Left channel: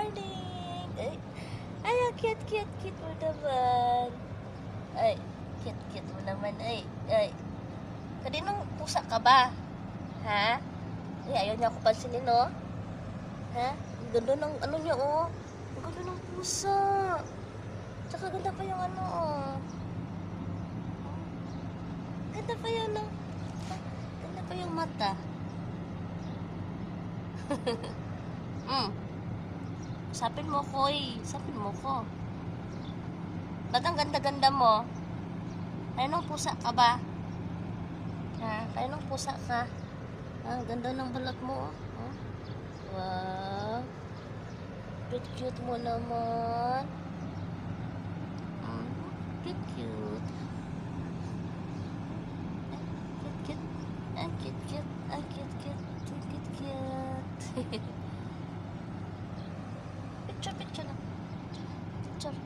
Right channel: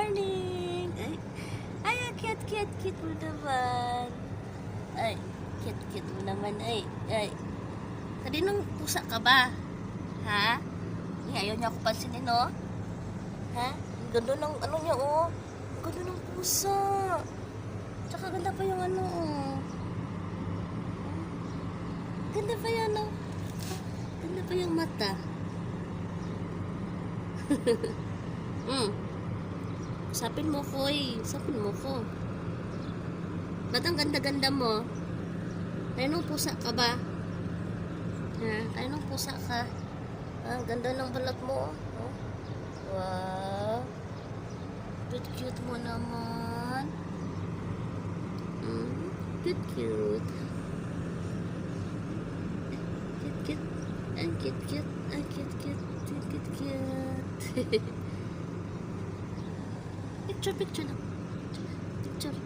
morning! Ay, ang cute mo naman. Ay, cute mo naman. Ay. Kaninong pusa ka ba? Ha? Ay, ayaw niya ako pansinin, no? Ha? Ganda ng ano niya, oh. Ganda ng pusa. Tsaka ganda pa yung ano, oh. Ganda pa yan, oh. Ganda pa yung mata. Sapin mo ko, sapin mo ko. Ba't ang ganda-ganda mo? Kaninong pusa ka ba? Ha? Kaninong pusa ka? Ganda ng balat mo, oh. Wow. Cute mo naman. Cute. Ang cute. Picture lang. Picture.